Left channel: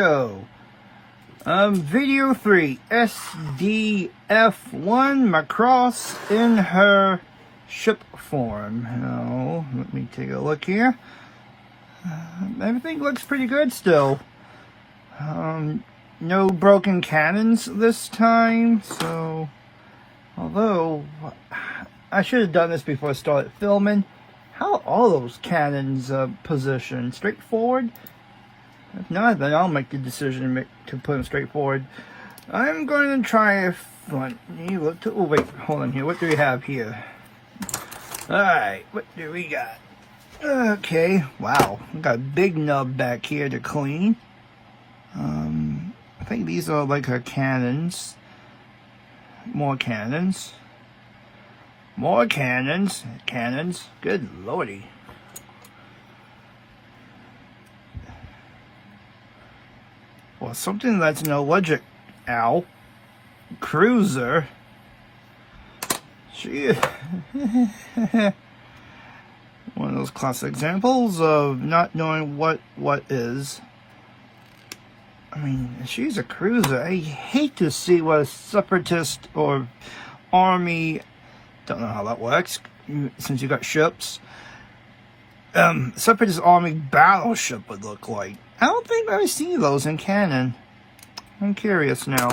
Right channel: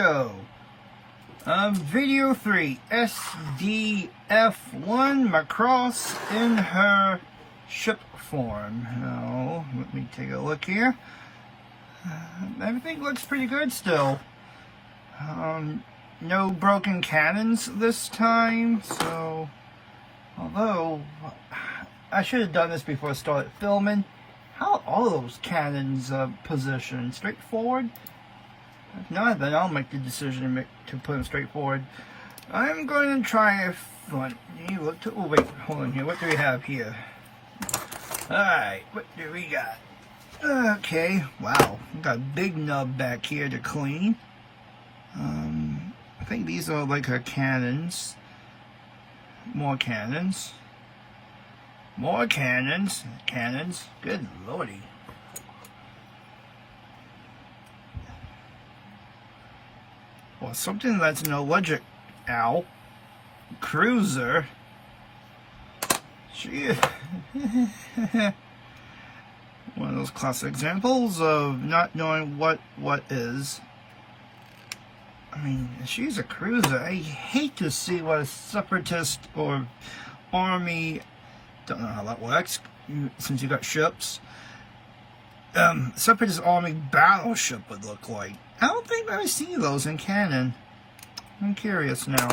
go. Video 3, SDF-1 Macross in her ship form. Now, let me take a look here. Everything looks pretty good still. No broken cannons this time, so although I should have done this before I started filming. How are all those cannons positioned? Straight forward? If not, then I'll make the decision to put them straight forward. I'm going to try oh wait, hold on here. What do we have here? Alright, what do we got? Okay, wow. We got a big nub back here to clean. I think these are like her cannons. More cannons. More cannons. Cannons. Good lordy. Well, something that's an electric cruiser. She is one of those classic examples of not knowing what is. I mean, she's a cruiser. I hate to see what a separatist or army, don't know how that works since you got ships, separatist army battleship would look like. I don't think I've seen those in canon. I'm curious now.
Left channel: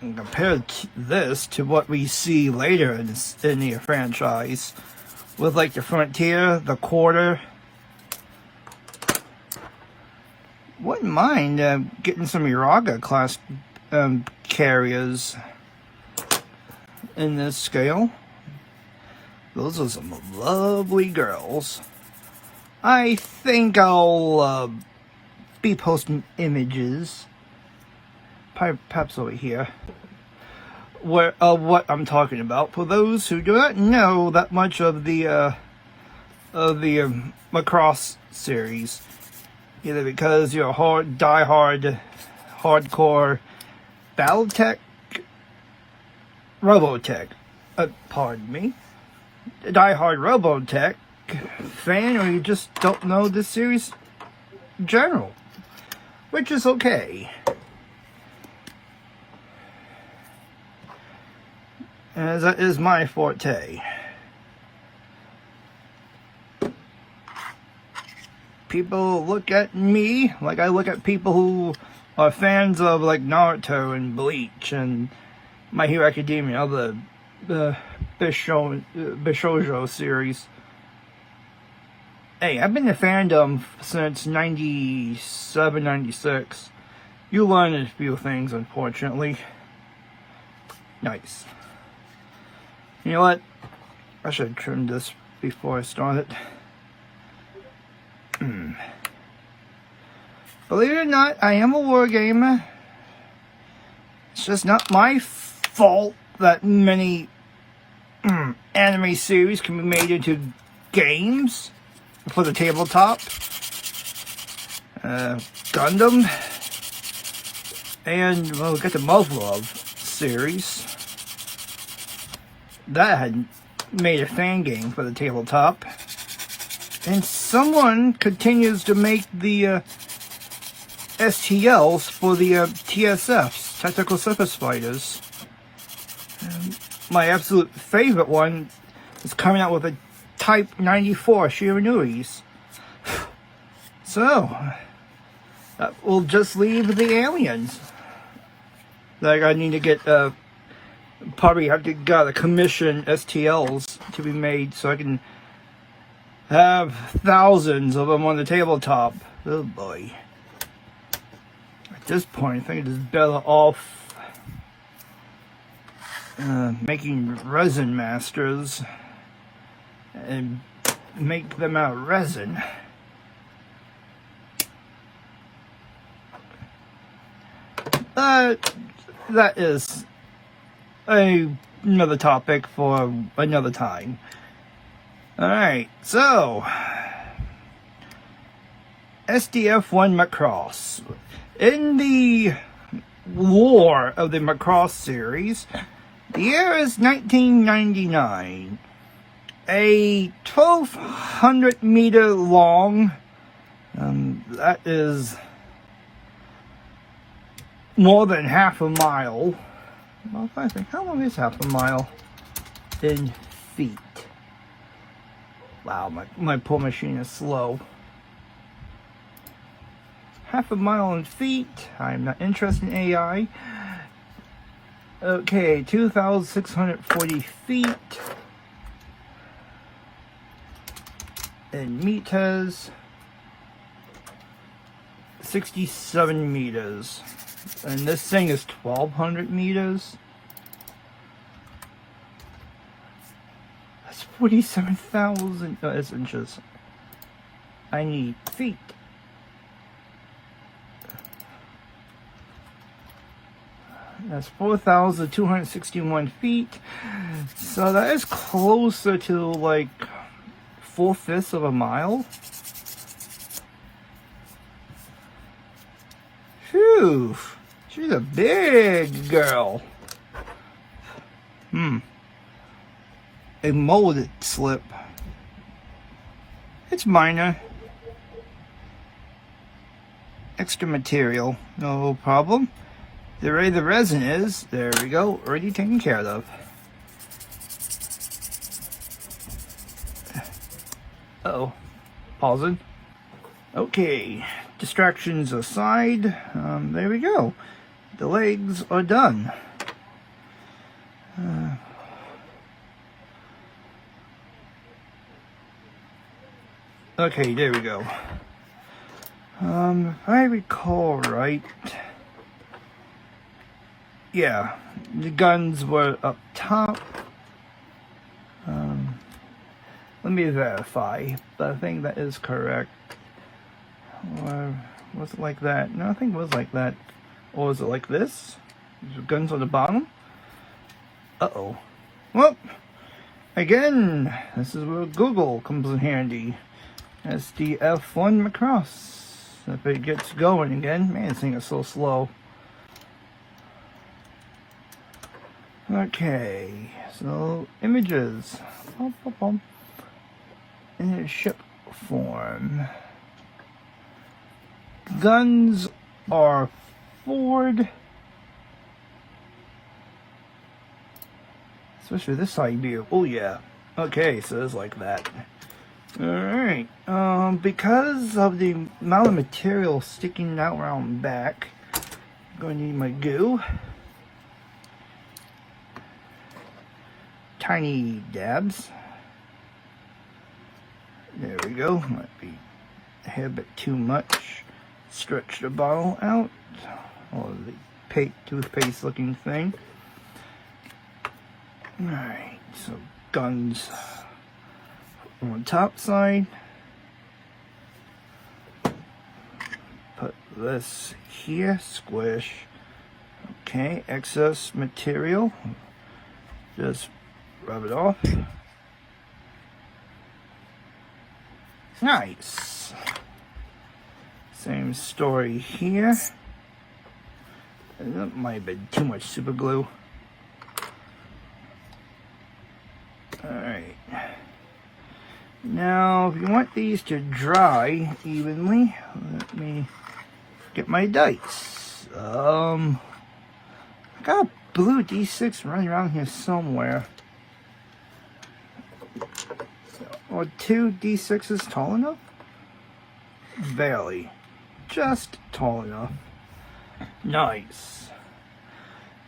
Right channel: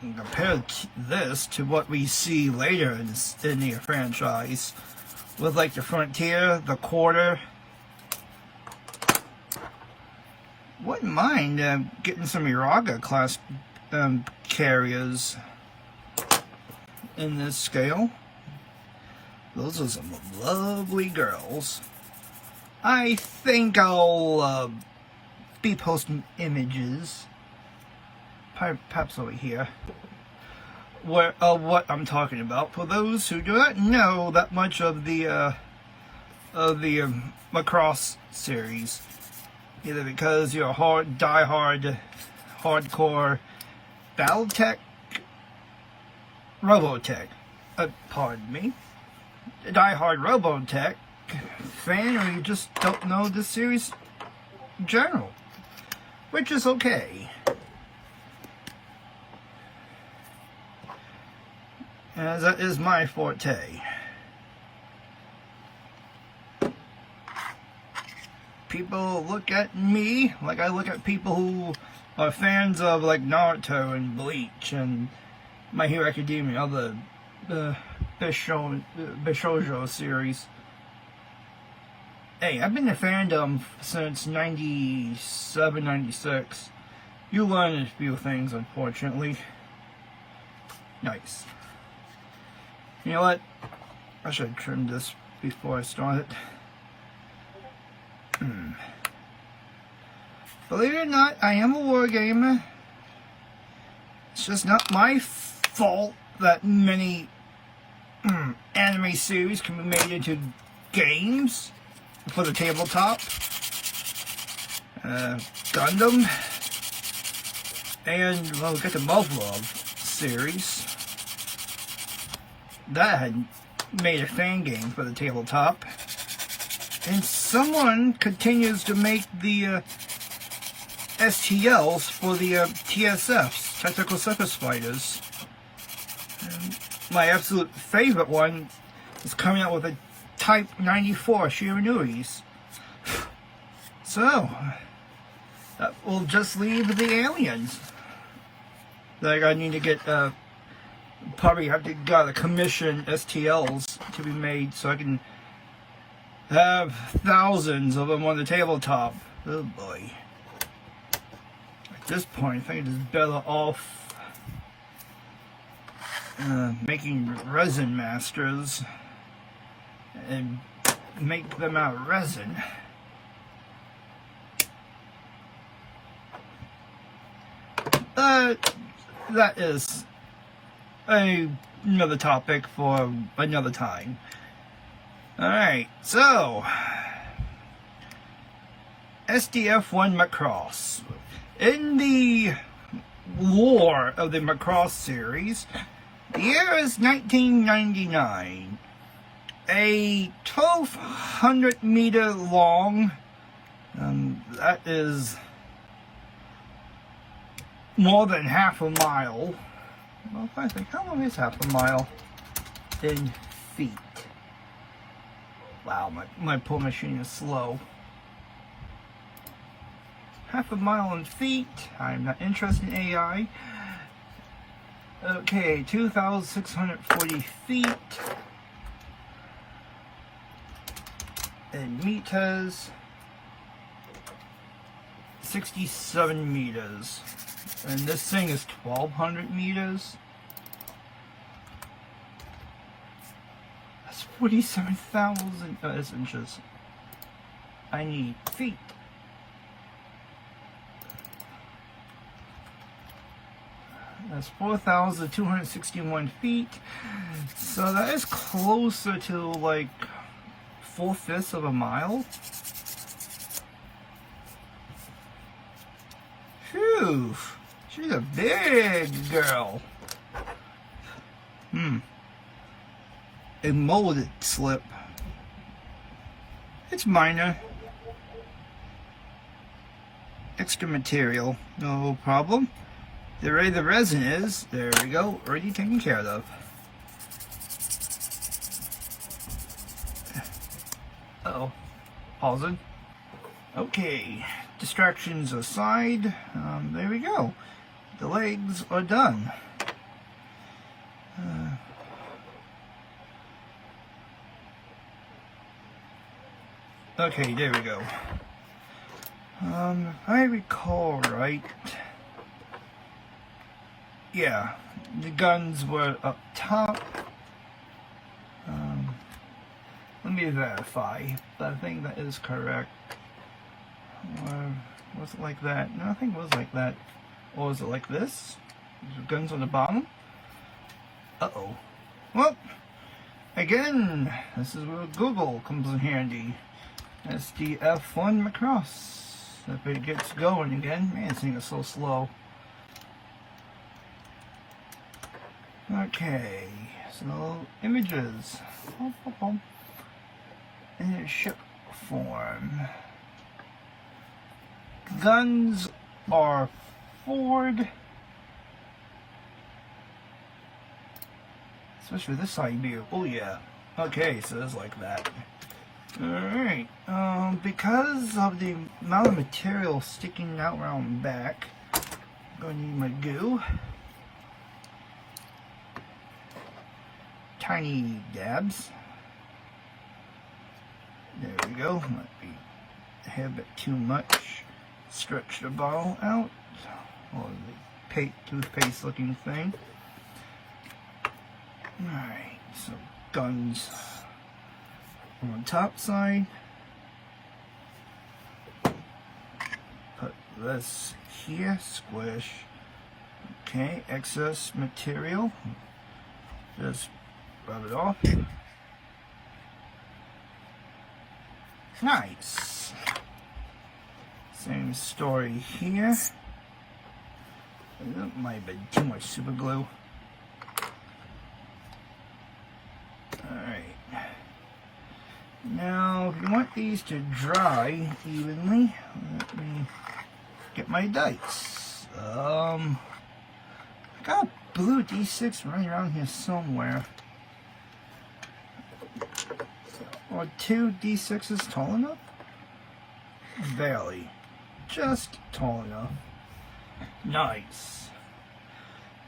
And compare this to what we see later in the franchise, with like the Frontier, the Quarter. Wouldn't mind getting some Uraga class carriers in this scale. Those are some lovely girls. I think I'll be posting images, perhaps over here, of what I'm talking about. For those who do not know that much of the Macross series, either because you're a hardcore Battletech, Robotech, pardon me, die-hard Robotech fan, or you just don't know this series in general, which is okay. As that is my forte. People look at me like I look at people who are fans of like Naruto and Bleach and My Hero Academia, the Bishoujo series. Hey, I've been a fandom since 97, 96. You learn a few things, unfortunately. Nice. You know what? I should have trimmed this before I started. Believe it or not, I am a wargamer. It's just not my fault that many anime series can be made into games for the tabletop. Gundam. And we'll get the Muv-Luv series. That had made a fan game for the tabletop. And someone continues to make the STLs for the TSFs, Tactical Surface Fighters. My absolute favorite one is coming out with a Type 94 Shiranuis. So, that will just leave the aliens. Like, I need to get, probably have to gotta commission STLs to be made so I can have thousands of them on the tabletop. Oh boy. At this point, I think it is better off making resin masters and make them out of resin. That is another topic for another time. Alright, so SDF-1 Macross. In the lore of the Macross series, the year is 1999. a 1,200 meter long. That is more than half a mile. Well, I think, how long is half a mile in feet? Wow, my pull machine is slow. Half a mile in feet. I'm not interested in AI. Okay, 2,640 feet in meters. 67 meters. And this thing is 1,200 meters. That's 47,000 inches. I need feet. That's 4,261 feet. So that is closer to like 4/5 of a mile. Phew. She's a big girl. A molded slip. It's minor. Extra material. No problem. The way the resin is, there we go, already taken care of. Uh-oh. Pausing. Okay. Distractions aside, there we go. The legs are done. Okay, there we go. If I recall right, yeah, the guns were up top. Let me verify, but I think that is correct. Was it like that? No, I think it was like that. Or was it like this? The guns on the bottom? Uh-oh. Well, again, this is where Google comes in handy. SDF-1 Macross. If it gets going again. Man, this thing is so slow. Okay, so images. In a ship form. Guns are forward. Especially this side view. Oh yeah. Okay, so it's like that. Alright. Because of the amount of material sticking out around back, I'm gonna need my goo. Tiny dabs. There we go. Might be a hair bit too much. Stretch the bottle out. Or the toothpaste looking thing. Alright, so guns on the top side. Put this here, squish. Okay, excess material. Just rub it off. Nice. Same story here. That might have been too much super glue. Alright. Now, if you want these to dry evenly, let me get my dice. I got a blue D6 running around here somewhere. Or 2 D6s tall enough? Barely. Just tall enough. Nice.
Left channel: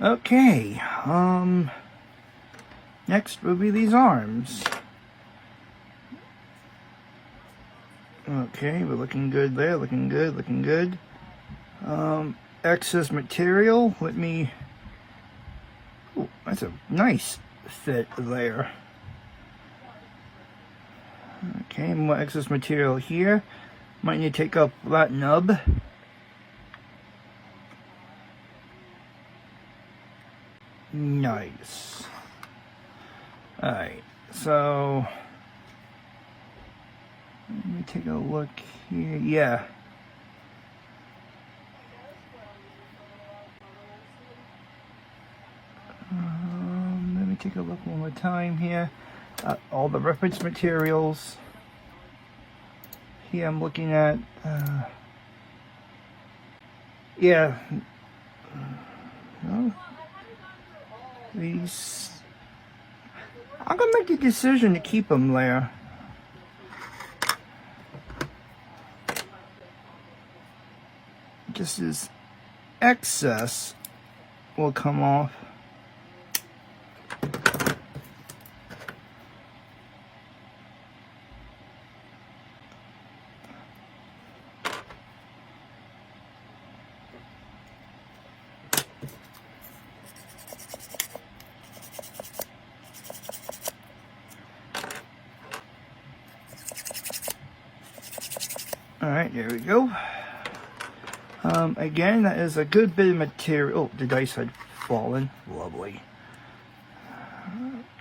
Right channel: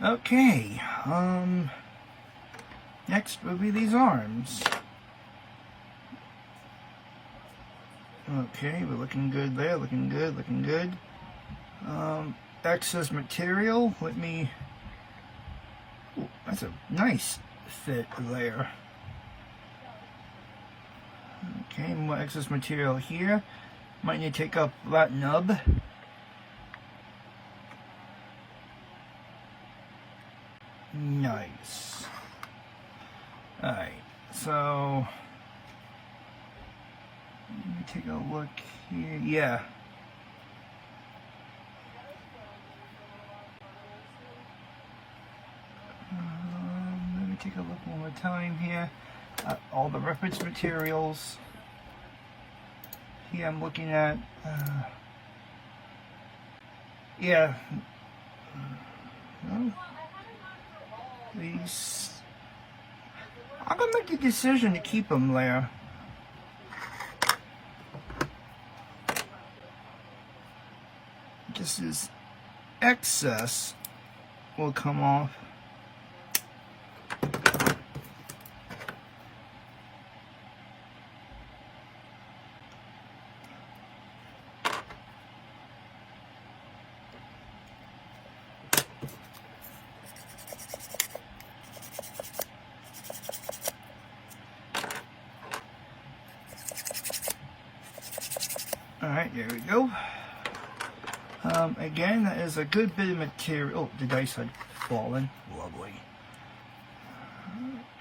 Okay, next will be these arms. Okay, we're looking good there, looking good, looking good. Excess material, let me, ooh, that's a nice fit there. Okay, more excess material here. Might need to take up that nub. Nice. Alright, so let me take a look here. Yeah. Let me take a look one more time here. all the reference materials. Here I'm looking at, yeah, well, these, I'm going to make the decision to keep them there. Just this excess will come off. Alright, there we go. Again, that is a good bit of material. Oh, the dice had fallen. Lovely.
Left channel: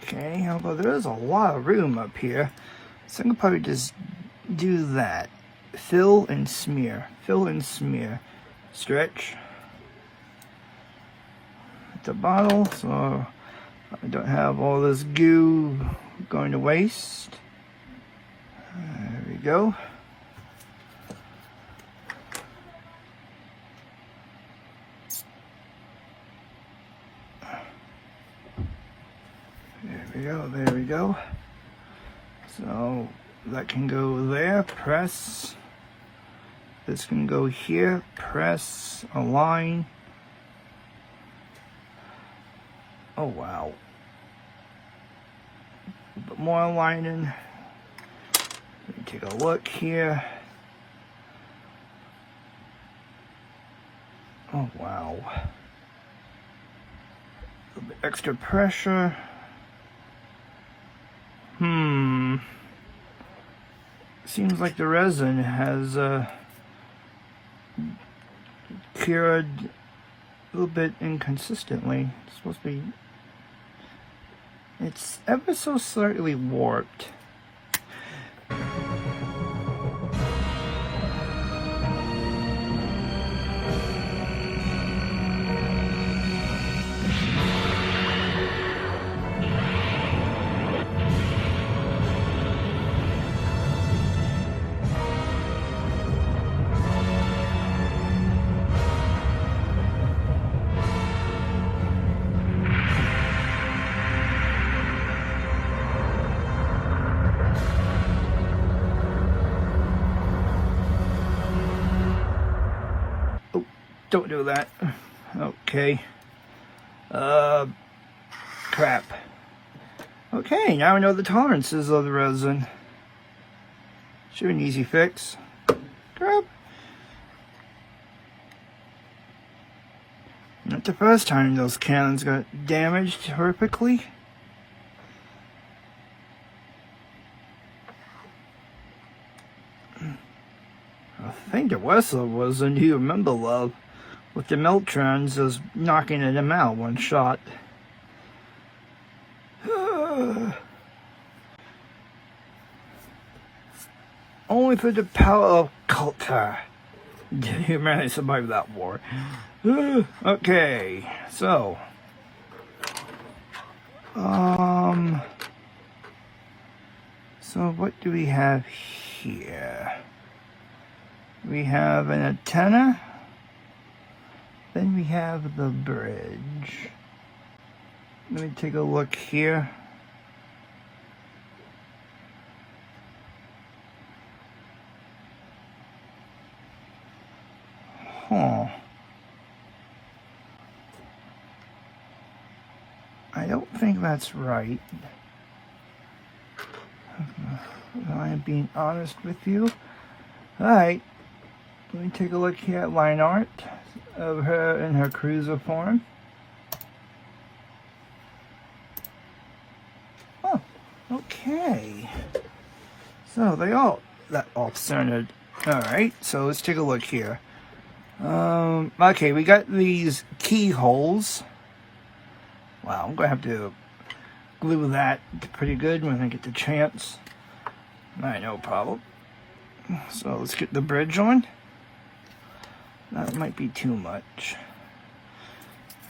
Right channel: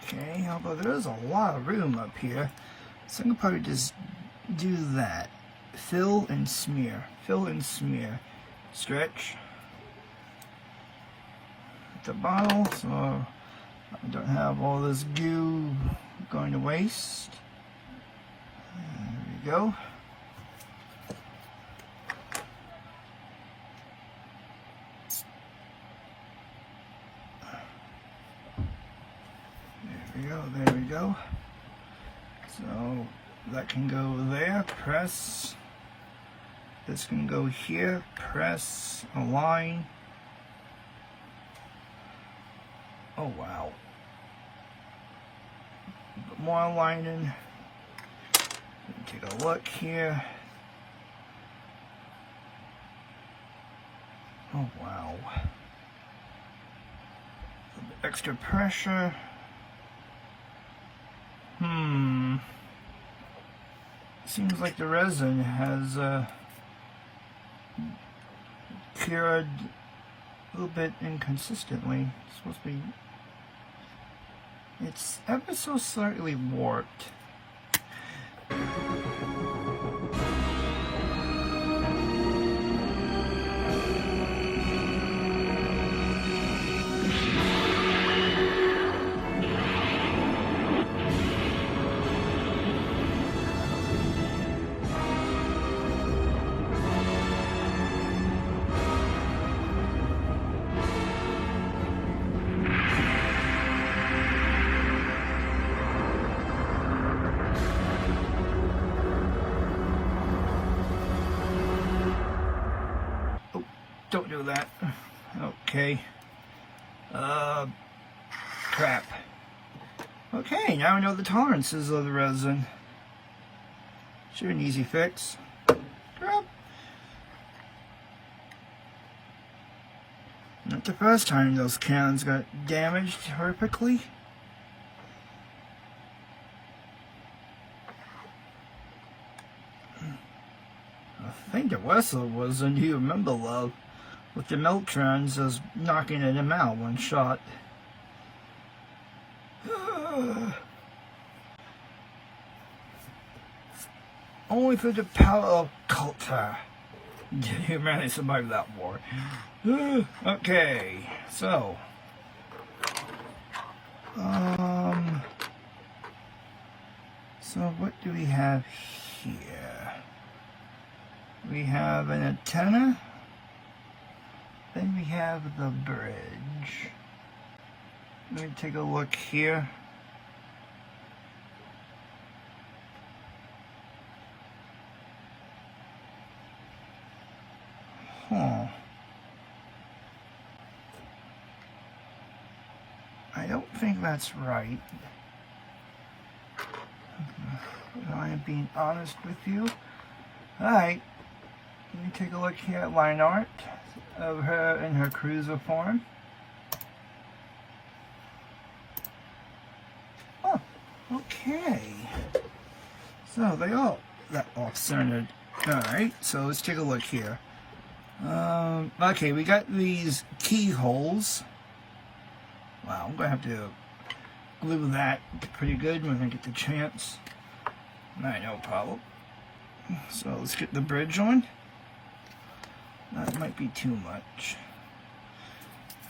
Okay, although there is a lot of room up here, so I'm going to probably just do that. Fill and smear. Fill and smear. Stretch the bottle so I don't have all this goo going to waste. There we go. There we go. So that can go there, press. This can go here, press, align. Oh wow. A bit more aligning. Take a look here. Oh wow. A bit extra pressure. Seems like the resin has cured a little bit inconsistently. It's supposed to be, it's ever so slightly warped. Don't do that. Okay. Crap. Okay, now I know the tolerances of the resin. Sure, an easy fix. Crap. Not the first time those cannons got damaged horrifically. I think the Wessel was a new member love. With the Meltrons just knocking at him out one shot. Only for the power of culture did humanity survive that war. Okay, so what do we have here? We have an antenna. Then we have the bridge. Let me take a look here. Huh. I don't think that's right. I'm being honest with you. Alright. Let me take a look here at line art of her in her cruiser form. Oh, okay. So they all that off-centered. Alright, so let's take a look here. Okay, we got these keyholes. Wow, I'm gonna have to glue that pretty good when I get the chance. Alright, no problem. So let's get the bridge on. That might be too much.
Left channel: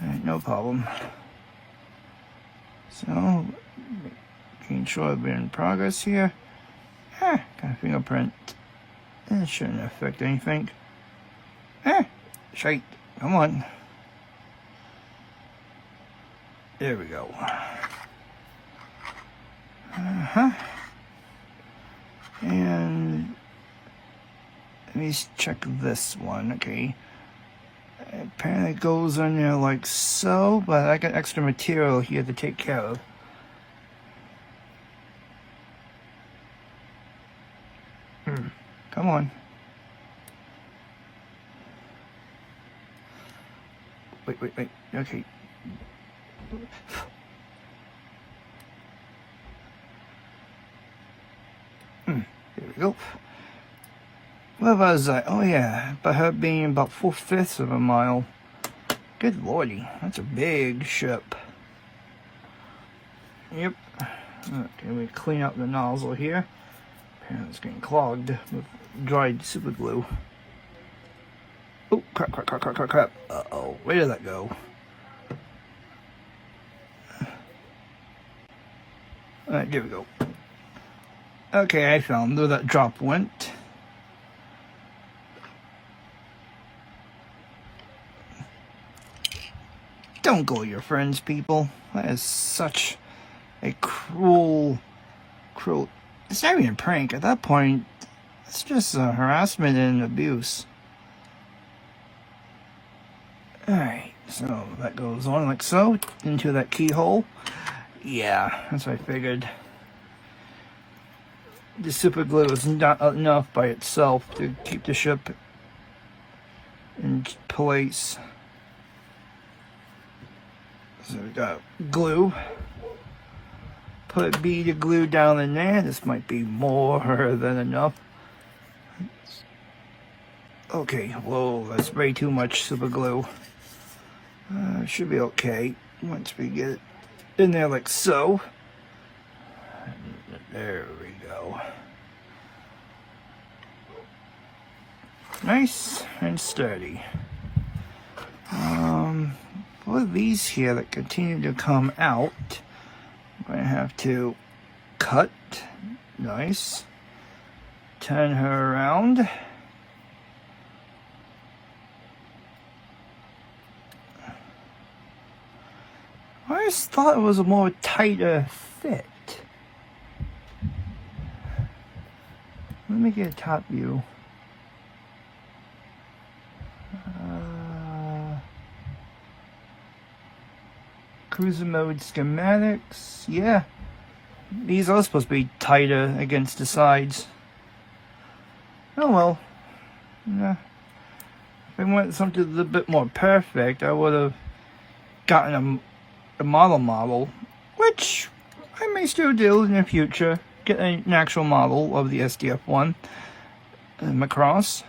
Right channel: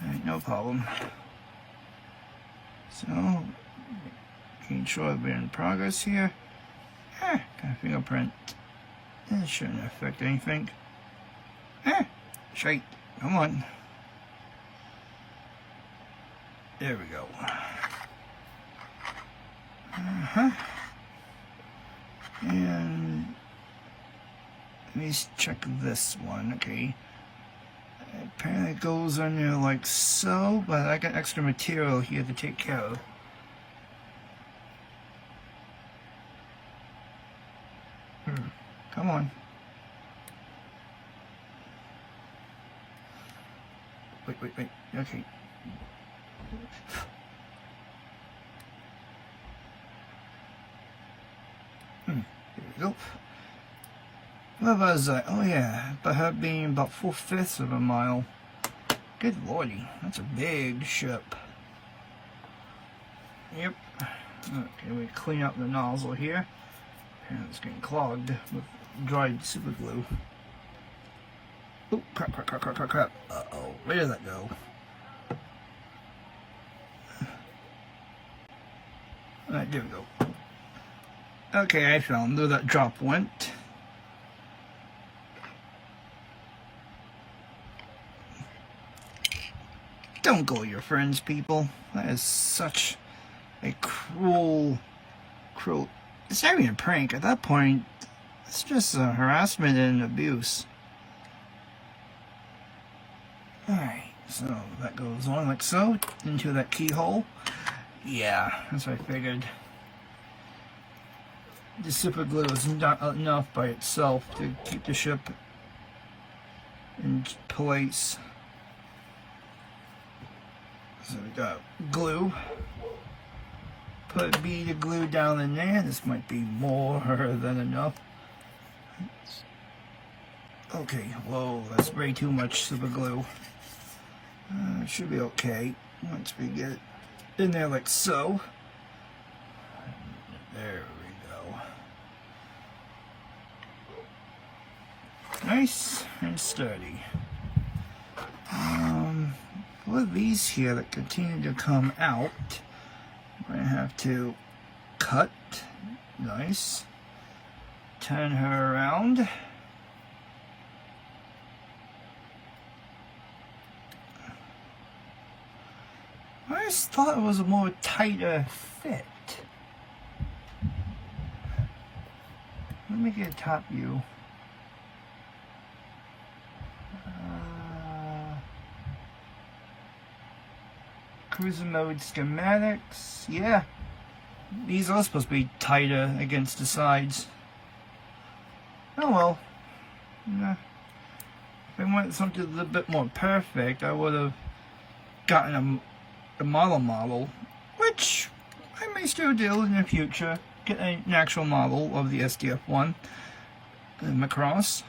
Alright, no problem. So, Making sure I've been in progress here. Got a fingerprint. It shouldn't affect anything. Shite. Come on. There we go. And let me check this one. Okay. Apparently it goes on there like so, but I got extra material here to take care of. Come on. Wait. Okay. Here we go. Where was I? Oh yeah, by her being about 4/5 of a mile. Good lordy, that's a big ship. Yep. Okay, we clean up the nozzle here. And it's getting clogged with dried super glue. Oh, crap. Uh-oh, where did that go? Alright, there we go. Okay, I found where that drop went. Don't go with your friends, people. That is such a cruel... It's not even a prank. At that point, it's just harassment and abuse. Alright, so that goes on like so, into that keyhole. Yeah, that's what I figured. The super glue is not enough by itself to keep the ship in place. So we got glue. Put a bead of glue down in there. This might be more than enough. Okay, whoa, that's way too much super glue. It should be okay once we get it in there like so. There we go. Nice and sturdy. For these here that continue to come out, I'm going to have to cut. Nice. Turn her around. I just thought it was a more tighter fit. Let me get a top view. Cruiser mode schematics. Yeah. These are supposed to be tighter against the sides. Oh well. Yeah. If I wanted something a little bit more perfect, I would have gotten a model, which I may still do in the future. Get an actual model of the SDF-1 Macross.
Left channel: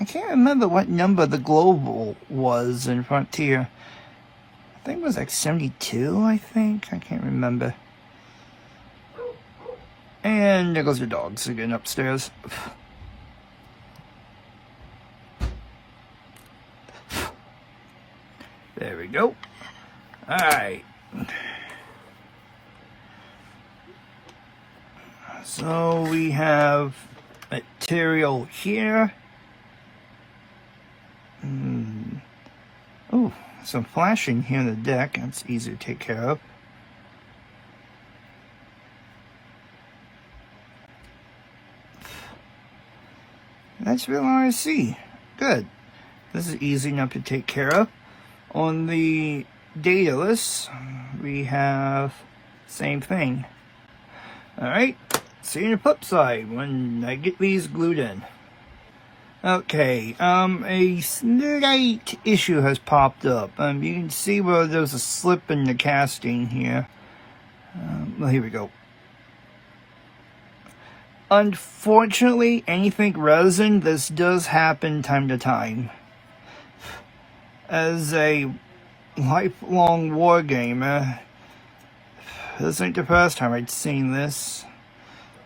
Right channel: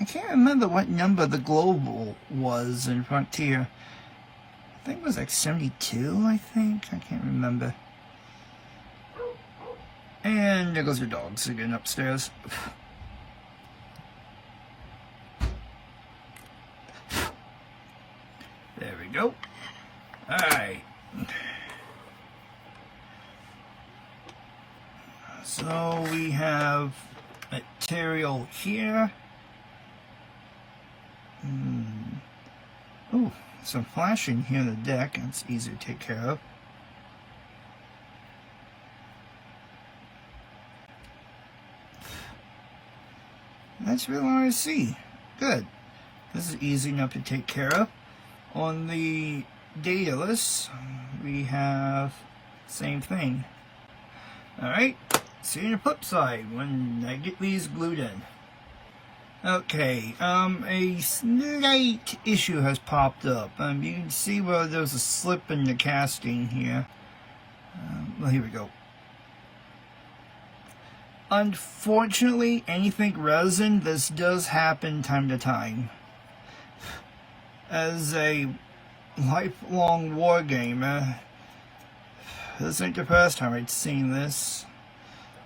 I can't remember what number the global was in Frontier. I think it was like 72, I think. I can't remember. And there goes the dogs again upstairs. There we go. Alright. So we have material here. Oh, some flashing here on the deck. That's easy to take care of. That's real RC. Good. This is easy enough to take care of. On the data list, we have same thing. Alright, see you on the flip side when I get these glued in. Okay, a slight issue has popped up. You can see where there's a slip in the casting here. Well, here we go. Unfortunately, anything resin, this does happen time to time. As a lifelong war gamer, this ain't the first time I'd seen this.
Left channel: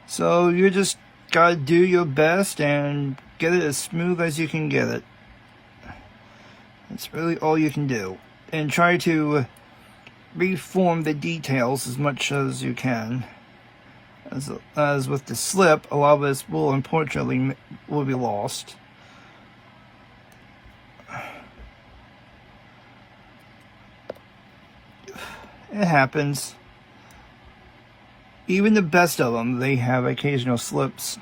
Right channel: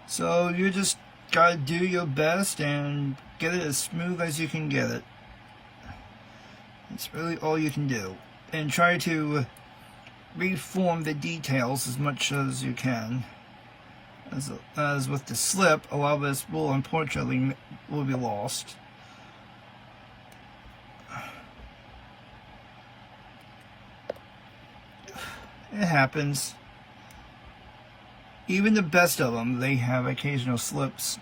So you just gotta do your best and get it as smooth as you can get it. That's really all you can do. And try to reform the details as much as you can. As with the slip, a lot of this will unfortunately be lost. It happens. Even the best of them, they have occasional slips.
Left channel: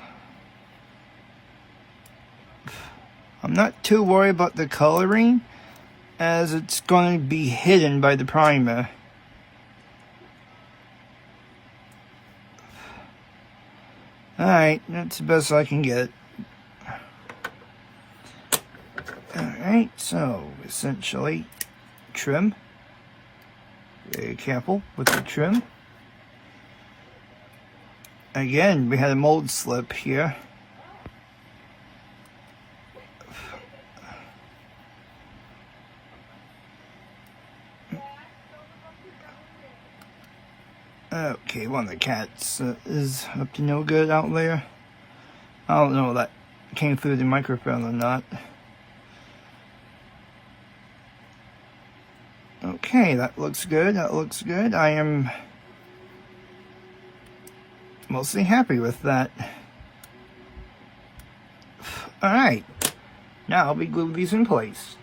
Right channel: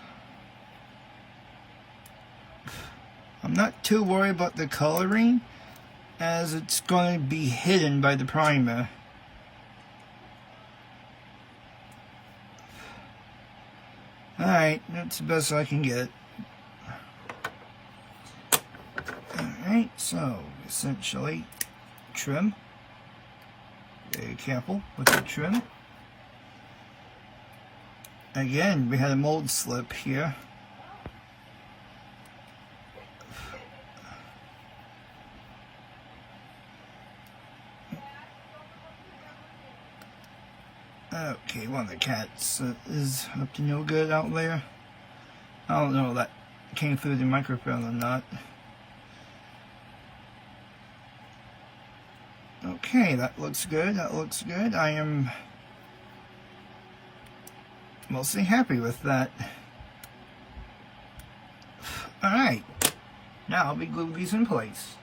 I'm not too worried about the coloring, as it's going to be hidden by the primer. Alright, that's the best I can get. Alright, so essentially trim. Very careful with the trim. Again, we had a mold slip here. Okay, one of the cats is up to no good out there. I don't know if that came through the microphone or not. Okay, that looks good. That looks good. I am mostly happy with that. Alright, now we glue these in place.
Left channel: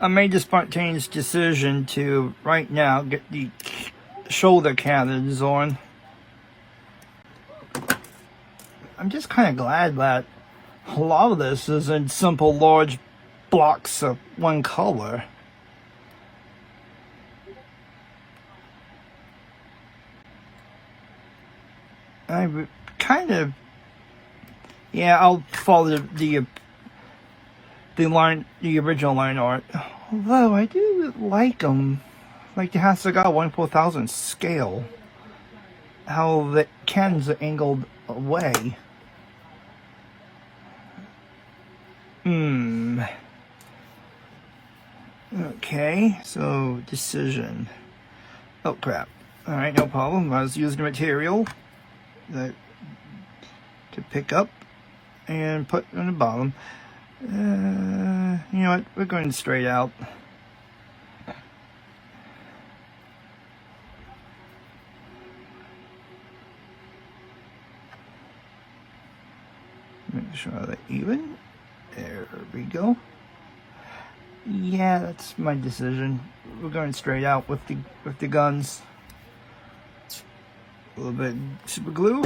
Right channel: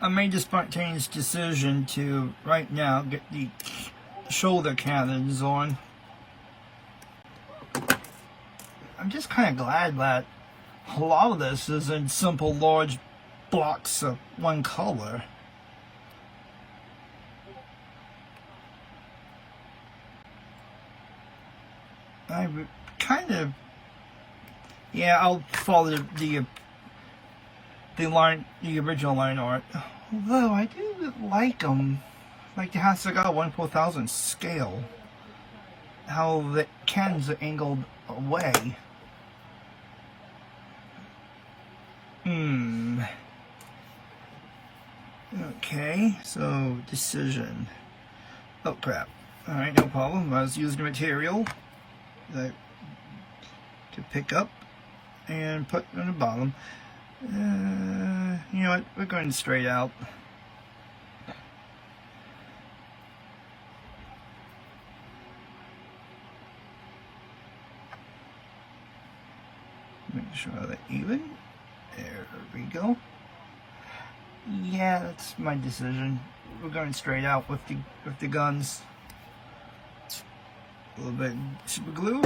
I made the spontaneous decision to, right now, get the shoulder cannons on. I'm just kind of glad that a lot of this is in simple large blocks of one color. I kind of, yeah, I'll follow the original line art. Although I do like them. Like the Hasegawa 1/4000 scale. How the cannons are angled away. Okay, so decision. Oh crap. Alright, no problem. I was using material to pick up and put on the bottom. You know what? We're going straight out. Make sure they're even. There we go. Yeah, that's my decision. We're going straight out with the guns. A little bit super glue.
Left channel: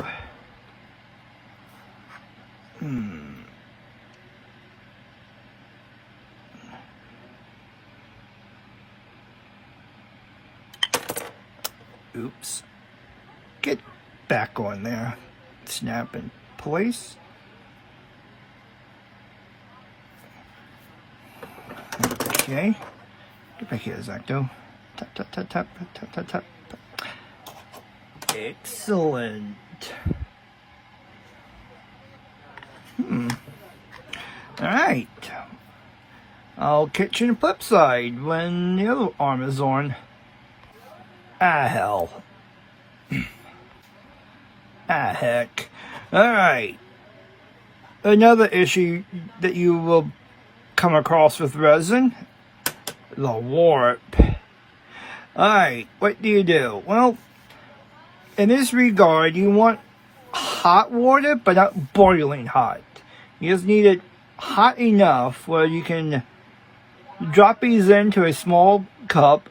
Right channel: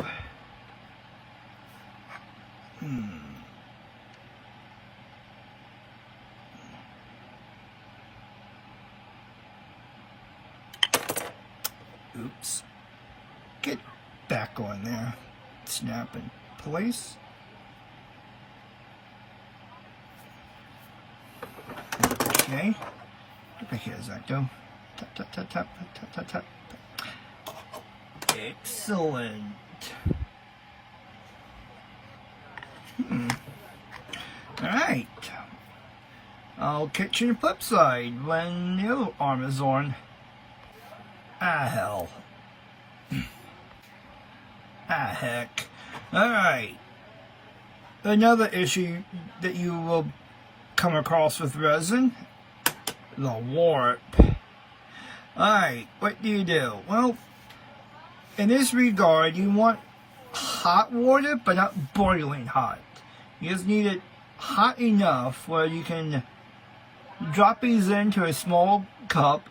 Oops. Get back on there. Snap in place. Okay. Get back here, Zacto. Tap, tap, tap, tap, tap, tap, tap. Excellent. Alright. I'll catch you on the flip side when the other arm is on. Ah, hell. Ah, heck. Alright. Another issue that you will come across with resin, the warp. Alright, what do you do? Well, in this regard, you want hot water, but not boiling hot. You just need it hot enough where you can drop these into a small cup,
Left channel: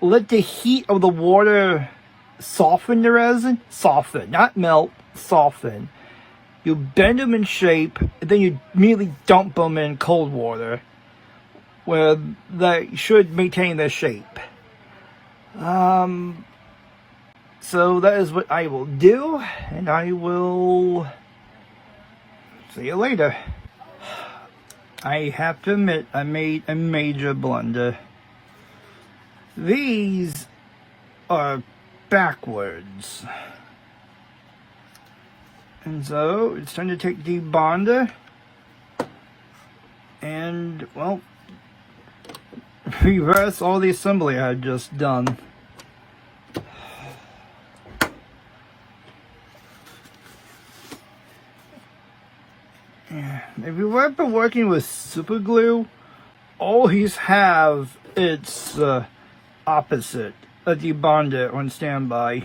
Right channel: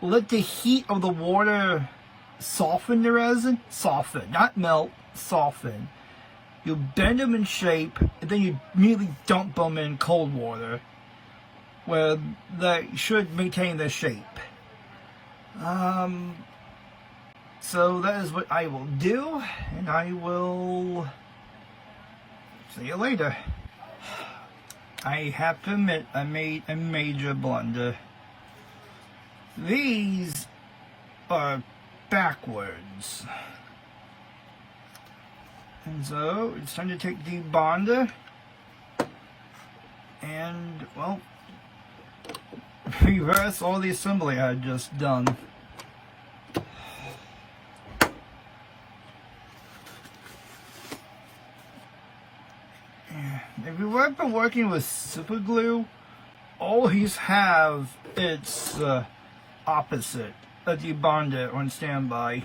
let the heat of the water soften the resin. Soften, not melt, soften. You bend them in shape, and then you immediately dump them in cold water, where they should maintain their shape. So that is what I will do, and I will see you later. I have to admit, I made a major blunder. These are backwards. And so, it's time to take the bonder and, well, reverse all the assembly I had just done. If you have been working with super glue, always have its opposite, a debonder on standby.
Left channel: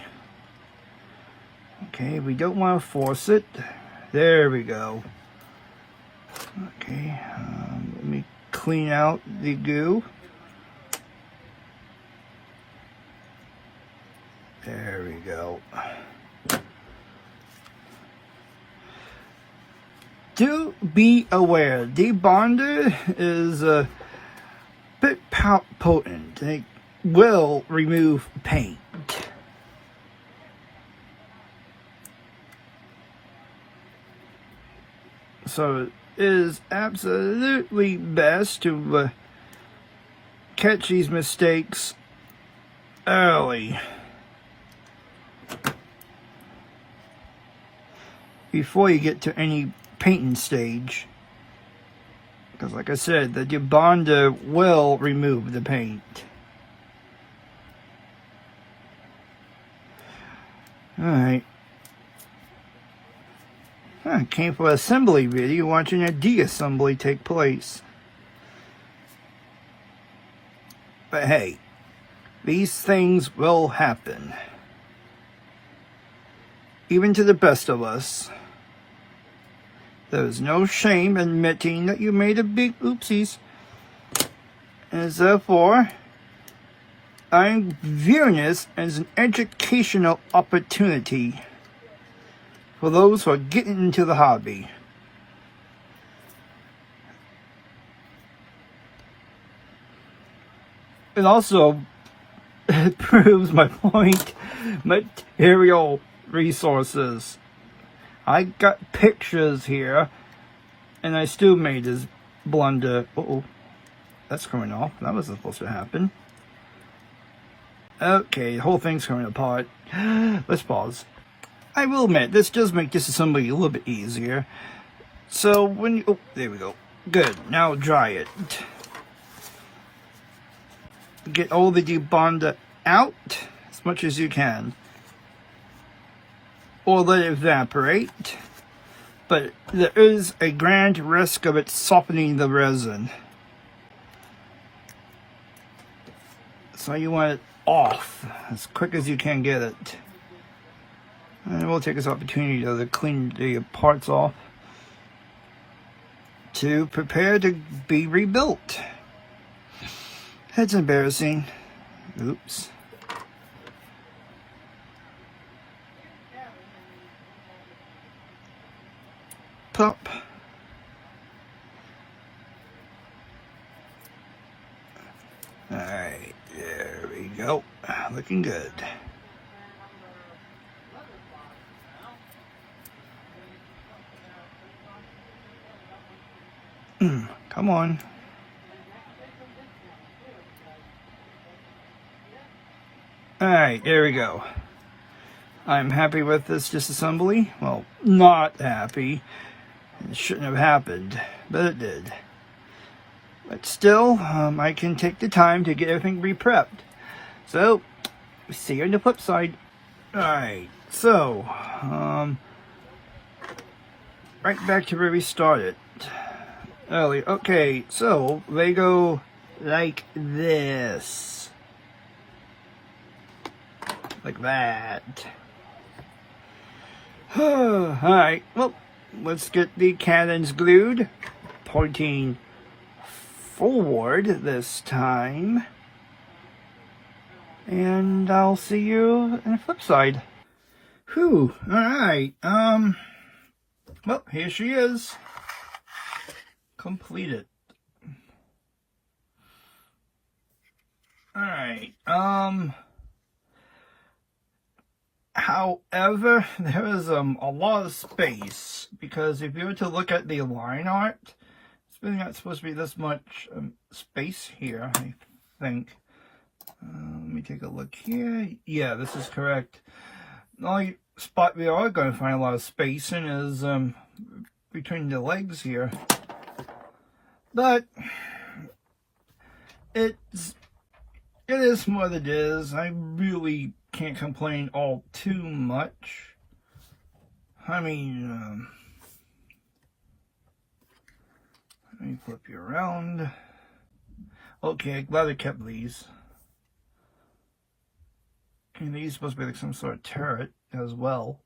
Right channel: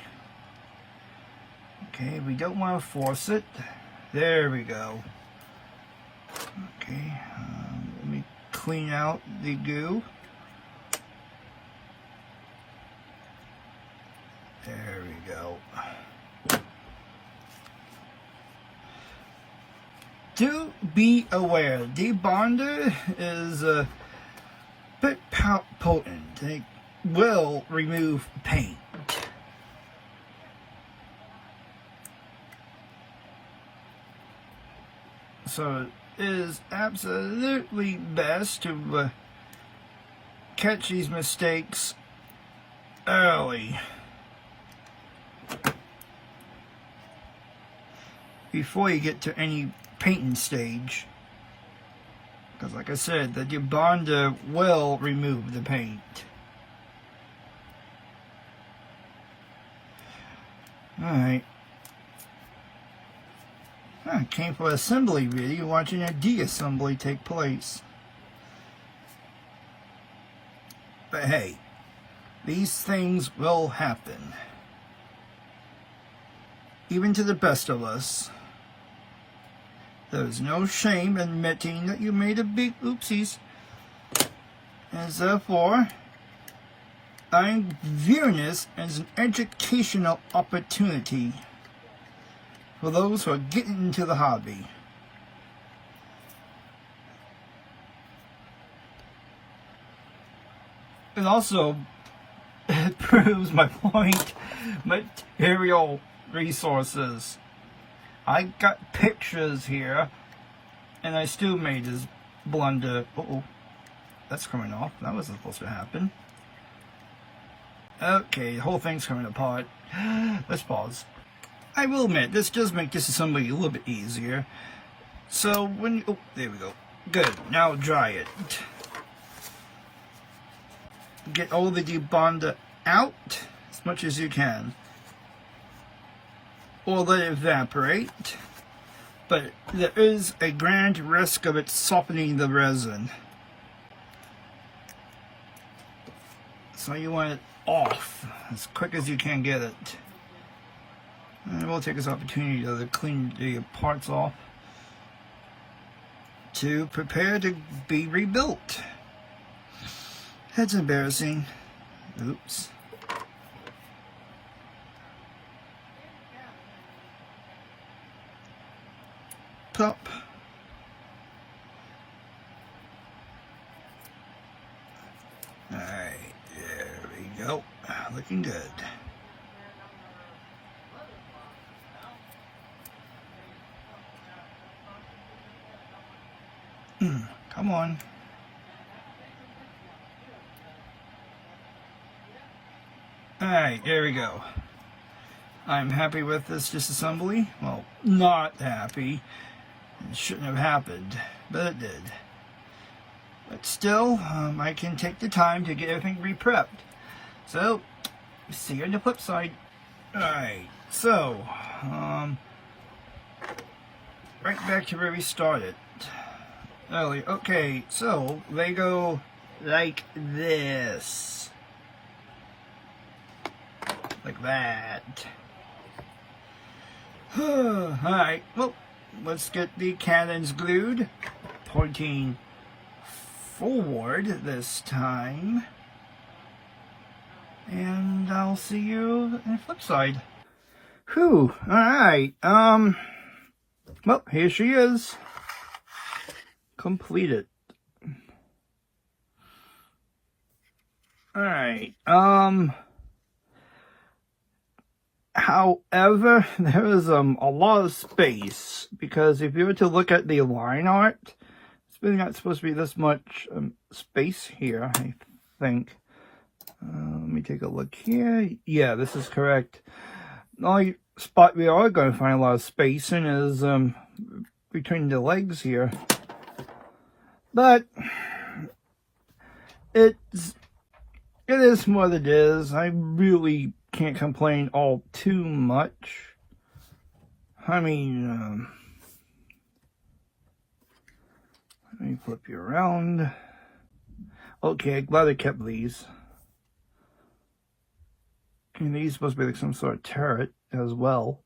Okay, we don't want to force it. There we go. Okay, let me clean out the goo. There we go. Do be aware, debonder is a bit potent. It will remove paint. So it is absolutely best to catch these mistakes early, before you get to any painting stage. Because like I said, the debonder will remove the paint. Alright. I came for an assembly video watching a de-assembly take place. But hey, these things will happen. Even to the best of us. There's no shame in admitting that you made a big oopsies. And therefore, I'm viewing this as an educational opportunity for those who are getting into the hobby. And also, it proves my point. Material resources. I got pictures here, and I still made this blunder. Uh-oh, that's coming off. That wasn't supposed to happen. Okay, the whole thing's coming apart. Let's pause. I will admit, this does make disassembly a little bit easier. So when you, oh, there we go. Good, now dry it. Get all the debonder out as much as you can. Or let it evaporate, but there is a grand risk of it softening the resin. So you want it off as quick as you can get it. And we'll take this opportunity to clean the parts off to prepare to be rebuilt. That's embarrassing. Oops. Pop. Alright, there we go. Looking good. Come on. Alright, there we go. I'm happy with this disassembly. Well, not happy. It shouldn't have happened, but it did. But still, I can take the time to get everything re-prepped. So, see you on the flip side. Alright, so, right back to where we started. Early. Okay, so, they go like this. Like that. Alright, well, let's get the cannons glued, pointing forward this time, and I'll see you on the flip side. Whew, alright, well, here she is, completed. Alright, however, there is a lot of space, because if you were to look at the line art, it's really not supposed to be this much space here, I think. Let me take a look here. Yeah, this is correct. The only spot we are going to find a lot of space in is between the legs here. But it is what it is. I really can't complain all too much. I mean, Let me flip you around. Okay, glad I kept these. And these supposed to be like some sort of turret as well.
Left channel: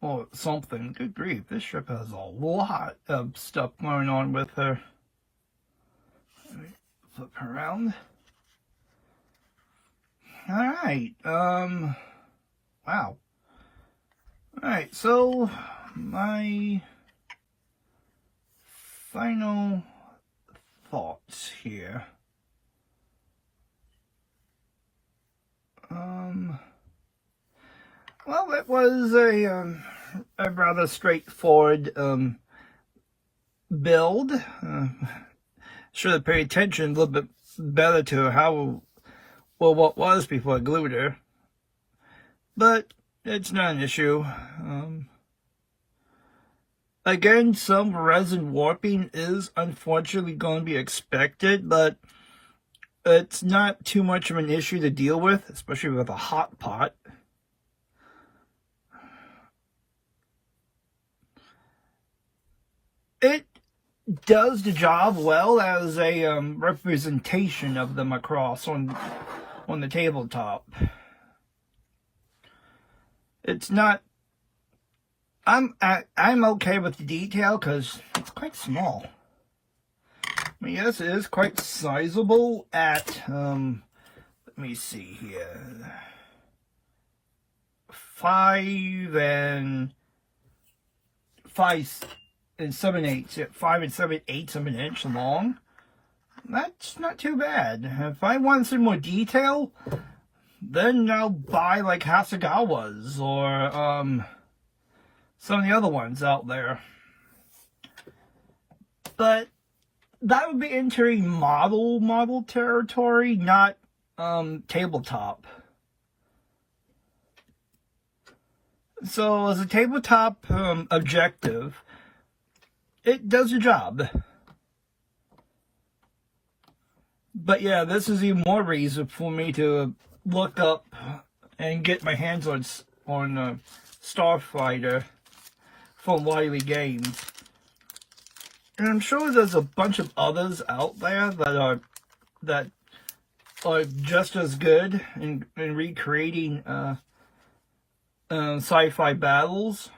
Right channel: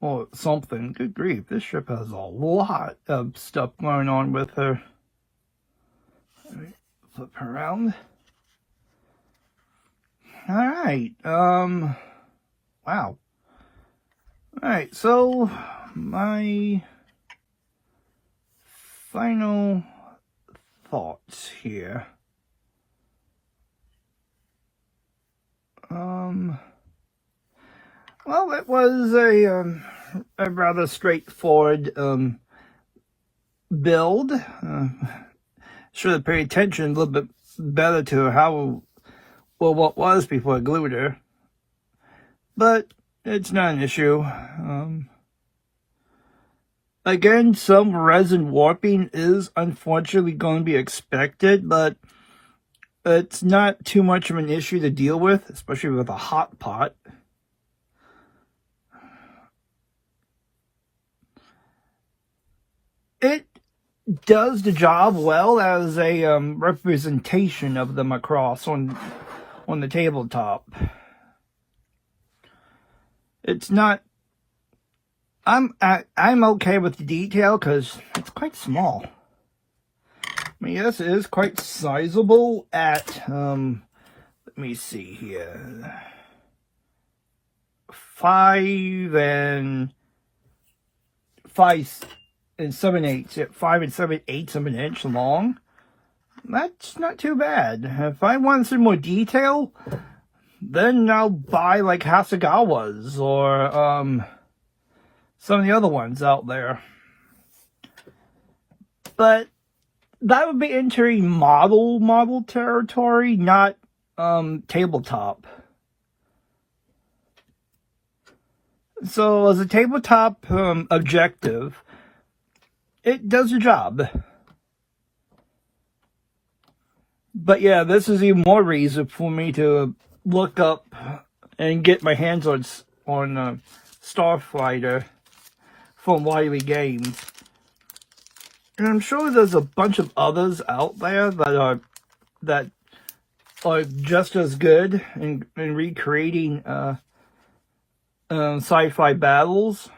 Or something. Good grief, this ship has a lot of stuff going on with her. Let me flip her around. Alright, wow. Alright, so my final thoughts here. Well, it was a rather straightforward build. Should have paid attention a little bit better to how, well, what was before I glued her. But it's not an issue. Again, some resin warping is unfortunately going to be expected, but it's not too much of an issue to deal with, especially with a hot pot. It does the job well as a representation of the Macross on the tabletop. It's not. I'm okay with the detail because it's quite small. I mean, yes, it is quite sizable at let me see here, 5 and 7/8. Yeah, 5 and 7/8 of an inch long. That's not too bad. If I want some more detail, then I'll buy like Hasegawa's or some of the other ones out there. But that would be entering model territory, not tabletop. So as a tabletop objective, it does the job. But yeah, this is even more reason for me to look up and get my hands on Starfighter from Wiley Games. And I'm sure there's a bunch of others out there that are just as good in recreating sci-fi battles.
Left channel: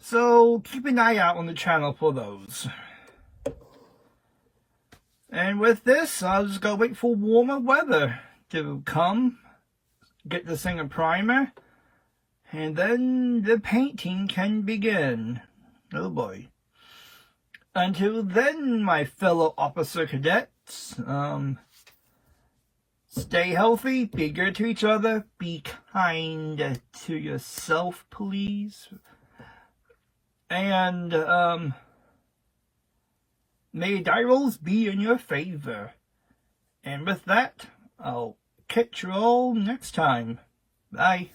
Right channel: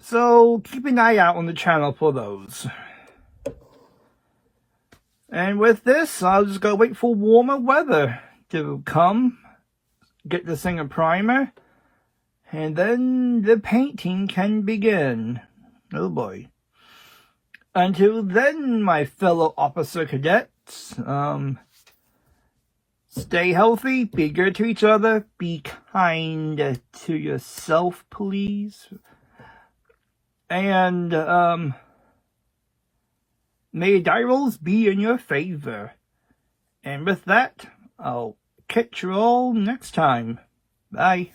So keep an eye out on the channel for those. And with this, I'll just go wait for warmer weather to come, get this thing a primer, and then the painting can begin. Oh boy. Until then, my fellow officer cadets, stay healthy, be good to each other, be kind to yourself, please. And, may die rolls be in your favor. And with that, I'll catch you all next time. Bye.